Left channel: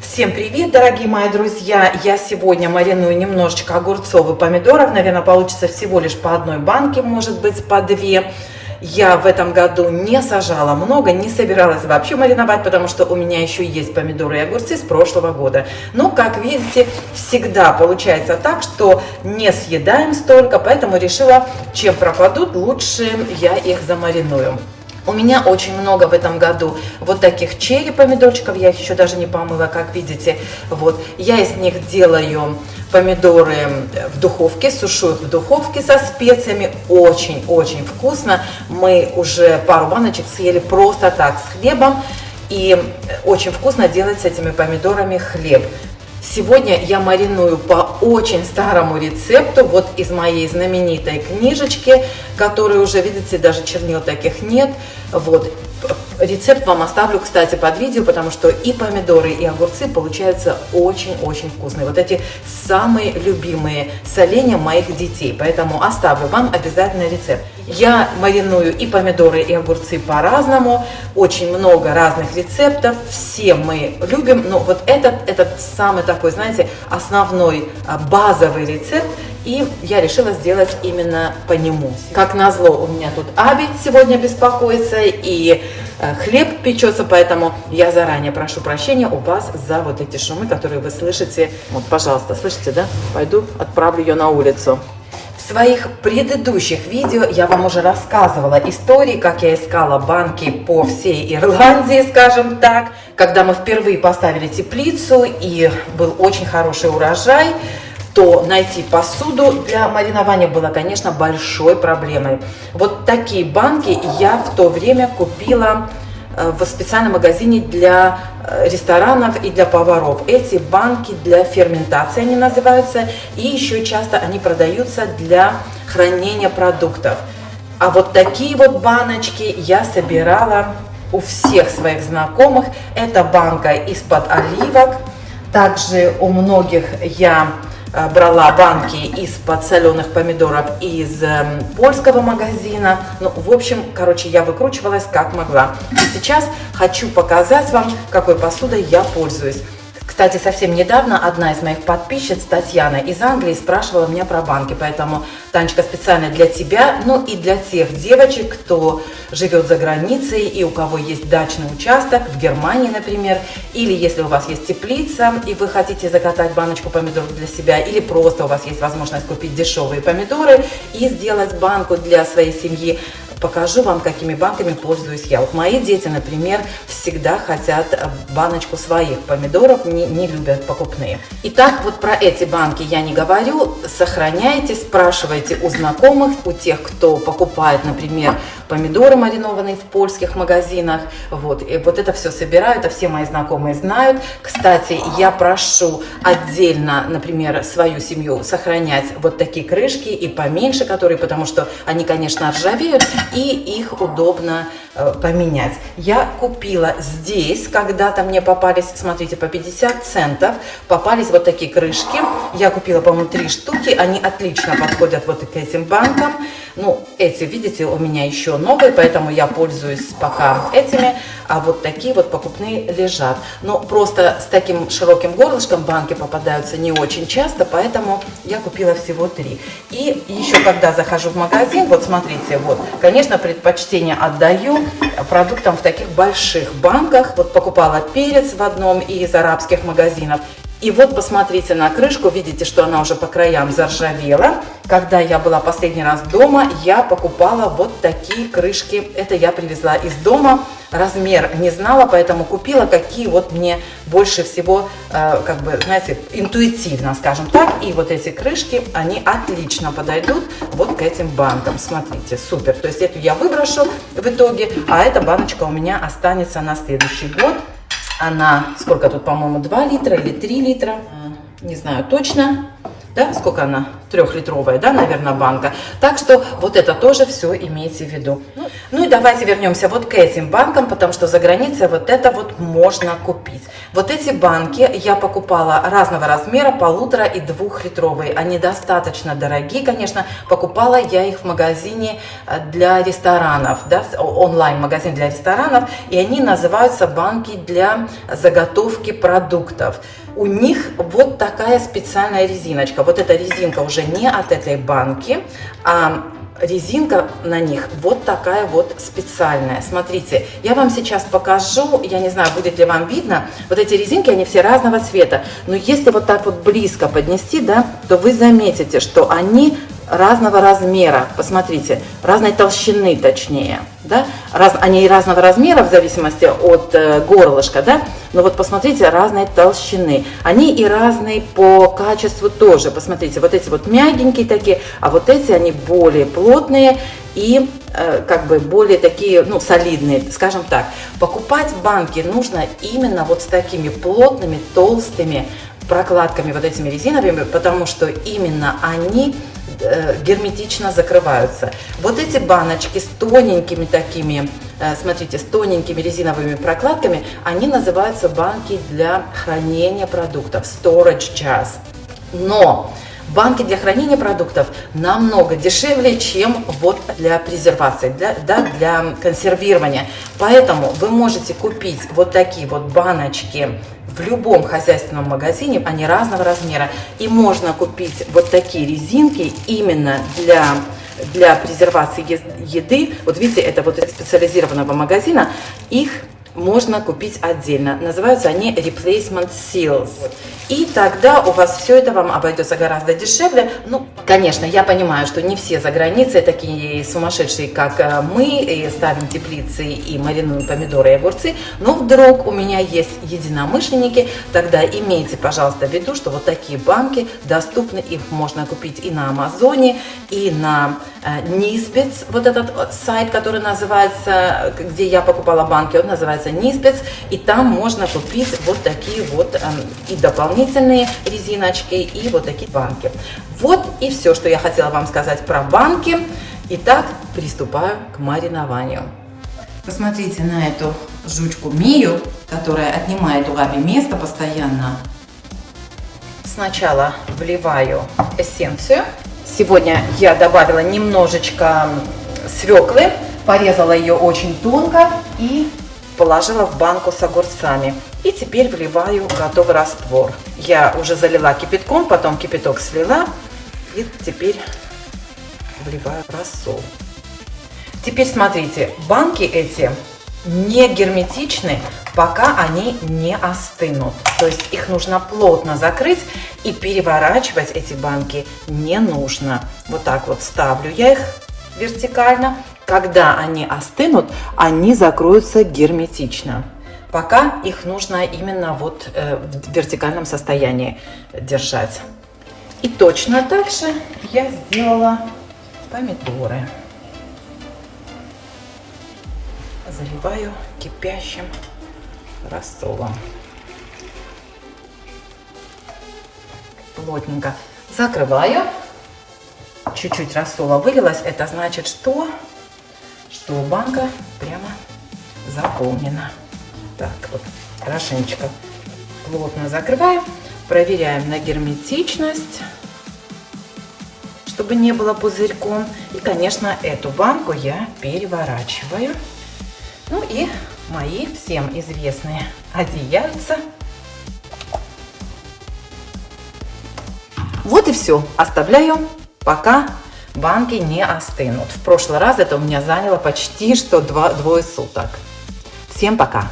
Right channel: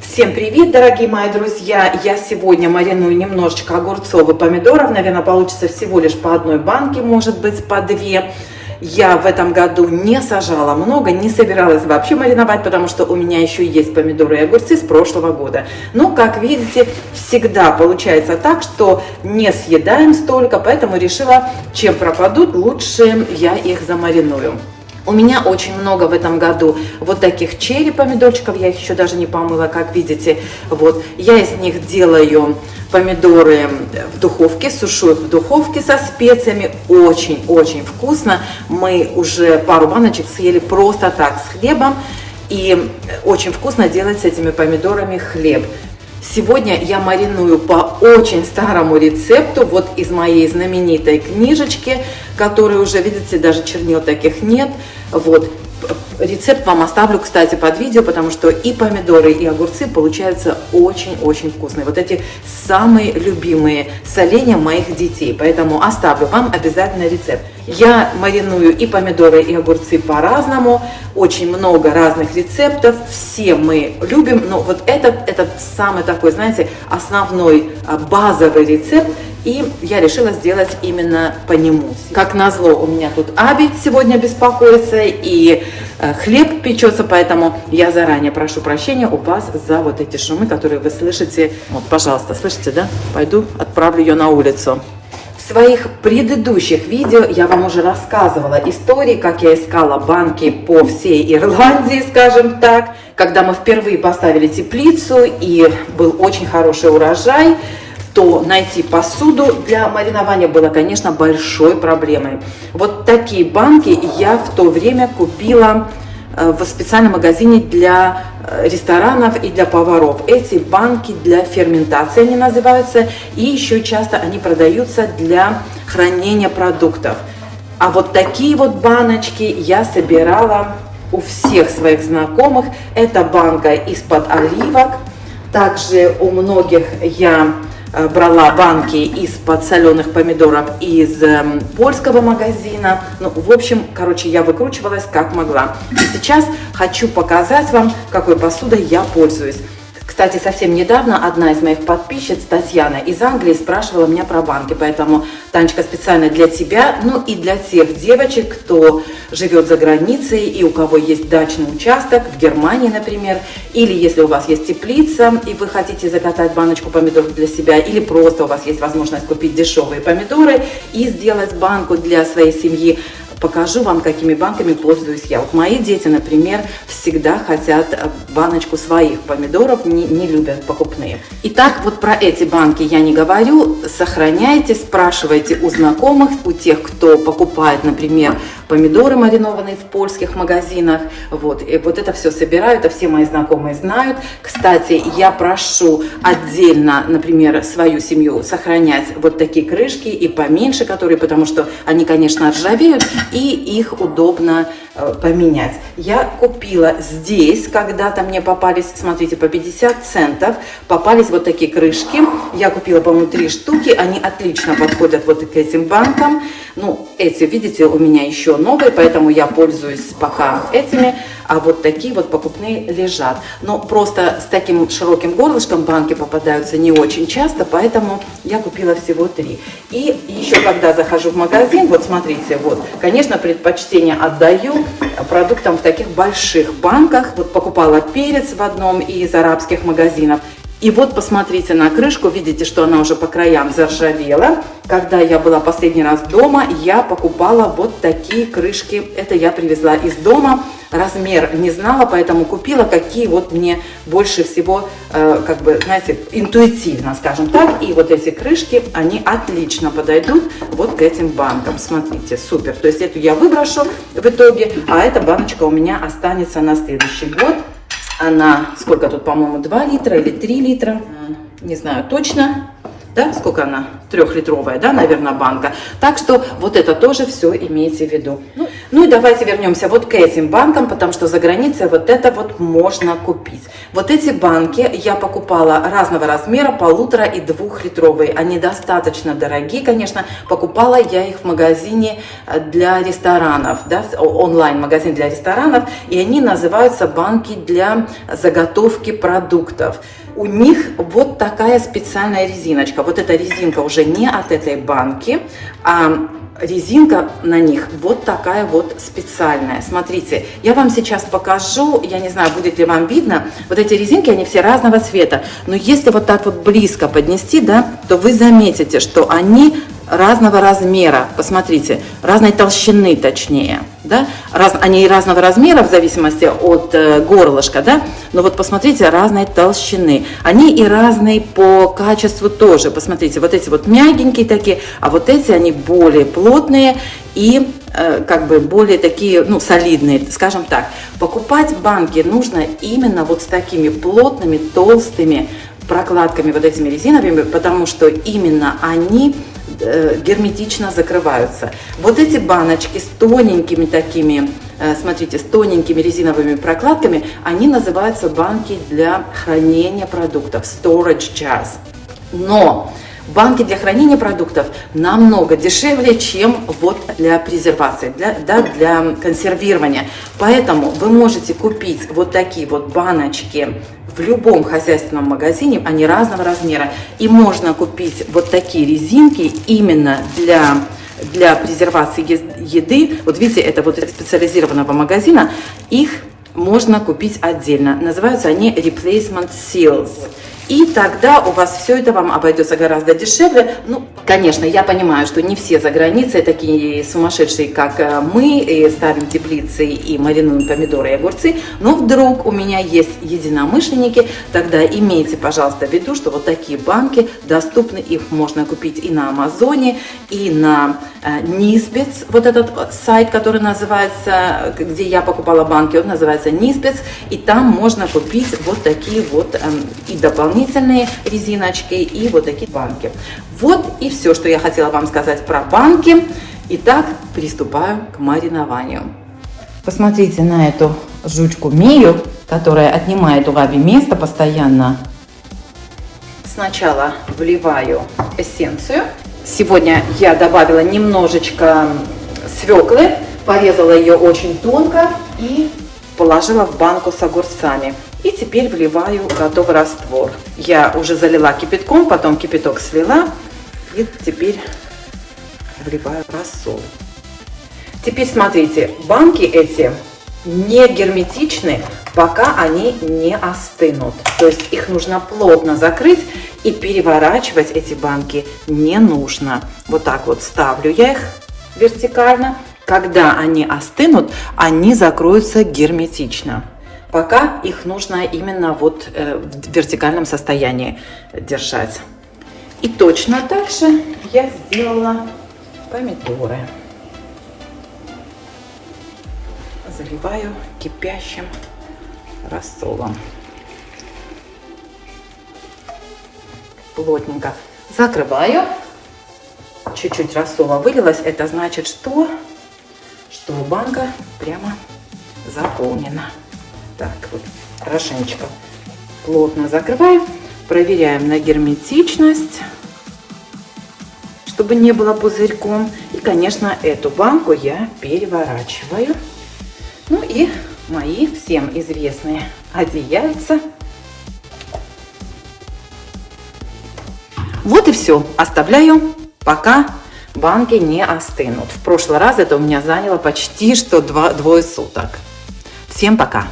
Всем привет, дорогие мои друзья! Я сегодня мариную немножечко огурцов и помидоров. Наверное, получится всего лишь по одной банке, может быть, по две. Я в этом году не сажала много, не собиралась вообще мариновать, потому что у меня еще есть помидоры и огурцы с прошлого года. Но, как видите, всегда получается так, что не съедаем столько, поэтому решила, чем пропадут, лучше я их замариную. У меня очень много в этом году вот таких черри помидорчиков, я их еще даже не помыла, как видите. Вот, я из них делаю помидоры в духовке, сушу их в духовке со специями, очень-очень вкусно. Мы уже пару баночек съели просто так с хлебом, и очень вкусно делать с этими помидорами хлеб. Сегодня я мариную по очень старому рецепту, вот из моей знаменитой книжечки, которую уже, видите, даже чернил таких нет. Вот, рецепт вам оставлю, кстати, под видео, потому что и помидоры, и огурцы получаются очень-очень вкусные. Вот эти самые любимые соленья моих детей, поэтому оставлю вам обязательно рецепт. Я мариную и помидоры, и огурцы по-разному, очень много разных рецептов, все мы любим, но вот этот самый такой, знаете, основной базовый рецепт, и я решила сделать именно по нему. Как назло, у меня тут Аби сегодня беспокоится, и хлеб печется, поэтому я заранее прошу прощения у вас за вот эти шумы, которые вы слышите. Вот, пожалуйста, слышите, да? Пойду отправлю ее на улицу. В своих предыдущих видео я вам уже рассказывала истории, как я искала банки по всей Ирландии, скажем так, когда мы впервые поставили теплицу и был очень хороший урожай, то найти посуду для маринования было, конечно, большой проблемой. Вот такие банки я в то время купила в специальном магазине для ресторанов и для поваров. Эти банки для ферментации они называются, и еще часто они продаются для хранения продуктов. А вот такие вот баночки я собирала у всех своих знакомых. Это банка из-под оливок. Также у многих я брала банки из-под соленых помидоров из польского магазина. Ну, в общем, короче, я выкручивалась как могла. Сейчас хочу показать вам, какой посудой я пользуюсь. Кстати, совсем недавно одна из моих подписчиц, Татьяна из Англии, спрашивала меня про банки, поэтому, Танечка, специально для тебя, ну и для тех девочек, кто живет за границей и у кого есть дачный участок, в Германии, например, или если у вас есть теплица и вы хотите закатать баночку помидоров для себя, или просто у вас есть возможность купить дешевые помидоры и сделать банку для своей семьи. Покажу вам, какими банками пользуюсь я. Вот мои дети, например, всегда хотят баночку своих помидоров, не любят покупные. Итак, вот про эти банки я не говорю. Сохраняйте, спрашивайте у знакомых, у тех, кто покупает, например, помидоры маринованные в польских магазинах. Вот, и вот это все собираю, это все мои знакомые знают. Кстати, я прошу отдельно, например, свою семью сохранять вот такие крышки и поменьше, которые, потому что они, конечно, ржавеют, и их удобно поменять. Я купила здесь, когда-то мне попались, смотрите, по 50 центов, попались вот такие крышки. Я купила, по-моему, 3 штуки, они отлично подходят вот к этим банкам. Ну, эти, видите, у меня еще новые, поэтому я пользуюсь пока этими, а вот такие вот покупные лежат. Но просто с таким широким горлышком банки попадаются не очень часто, поэтому я купила всего 3. И еще когда захожу в магазин, вот смотрите, вот, конечно, предпочтение отдаю продуктам в таких больших банках. Вот покупала перец в одном из арабских магазинов. И вот посмотрите на крышку, видите, что она уже по краям заржавела. Когда я была последний раз дома, я покупала вот такие крышки. Это я привезла из дома. Размер не знала, поэтому купила, какие вот мне больше всего, как бы, знаете, интуитивно, скажем так. И вот эти крышки, они отлично подойдут вот к этим банкам. Смотрите, супер. То есть эту я выброшу в итоге, а эта баночка у меня останется на следующий год. Она, сколько тут, по-моему, 2 литра или 3 литра, не знаю точно, да, сколько она, 3-литровая, да, наверное, банка. Так что вот это тоже все имейте в виду. Ну и давайте вернемся вот к этим банкам, потому что за границей вот это вот можно купить. Вот эти банки я покупала разного размера, 1,5 и 2-литровые. Они достаточно дорогие, конечно. Покупала я их в магазине для ресторанов, да, онлайн-магазин для ресторанов. И они называются банки для заготовки продуктов. У них вот такая специальная резиночка. Вот эта резинка уже не от этой банки, а резинка на них вот такая вот специальная. Смотрите, я вам сейчас покажу, я не знаю, будет ли вам видно, вот эти резинки, они все разного цвета, но если вот так вот близко поднести, да, то вы заметите, что они разного размера, посмотрите, разной толщины точнее, да, они разного размера в зависимости от горлышка, да, но вот посмотрите, разной толщины, они и разные по качеству тоже, посмотрите, вот эти вот мягенькие такие, а вот эти они более плотные и как бы более такие, ну, солидные, скажем так. Покупать банки нужно именно вот с такими плотными, толстыми прокладками, вот этими резиновыми, потому что именно они герметично закрываются. Вот эти баночки с тоненькими такими, смотрите, с тоненькими резиновыми прокладками, они называются банки для хранения продуктов, storage jars. Но банки для хранения продуктов намного дешевле, чем вот для презервации, для консервирования. Поэтому вы можете купить вот такие вот баночки в любом хозяйственном магазине, они разного размера. И можно купить вот такие резинки именно для презервации еды. Вот видите, это вот из специализированного магазина. Их можно купить отдельно. Называются они Replacement Seals. И тогда у вас все это вам обойдется гораздо дешевле. Ну, конечно, я понимаю, что не все за границей такие сумасшедшие, как мы, и ставим теплицы и маринуем помидоры и огурцы. Но вдруг у меня есть единомышленники, тогда имейте, пожалуйста, в виду, что вот такие банки доступны. Их можно купить и на Амазоне, и на Nisbets. Вот этот сайт, который называется, где я покупала банки, он называется Nisbets. И там можно купить вот такие вот и дополнительные резиночки и вот такие банки. Вот и все, что я хотела вам сказать про банки. Итак, приступаю к маринованию. Посмотрите на эту жучку Мию, которая отнимает у Габи место постоянно. Сначала вливаю эссенцию. Сегодня я добавила немножечко свеклы, порезала ее очень тонко и положила в банку с огурцами. И теперь вливаю готовый раствор. Я уже залила кипятком, потом кипяток слила. И теперь вливаю рассол. Теперь смотрите, банки эти не герметичны, пока они не остынут. То есть их нужно плотно закрыть и переворачивать эти банки не нужно. Вот так вот ставлю я их вертикально. Когда они остынут, они закроются герметично. Пока их нужно именно вот в вертикальном состоянии держать. И точно так же я сделала помидоры. Заливаю кипящим рассолом. Плотненько закрываю. Чуть-чуть рассола вылилось. Это значит, что банка прямо заполнена. Так, вот хорошенечко плотно закрываю. Проверяем на герметичность, чтобы не было пузырьком. И, конечно, эту банку я переворачиваю. Ну и мои всем известные одеяльца. Вот и все. Оставляю, пока банки не остынут. В прошлый раз это у меня заняло почти что двое суток. Всем пока!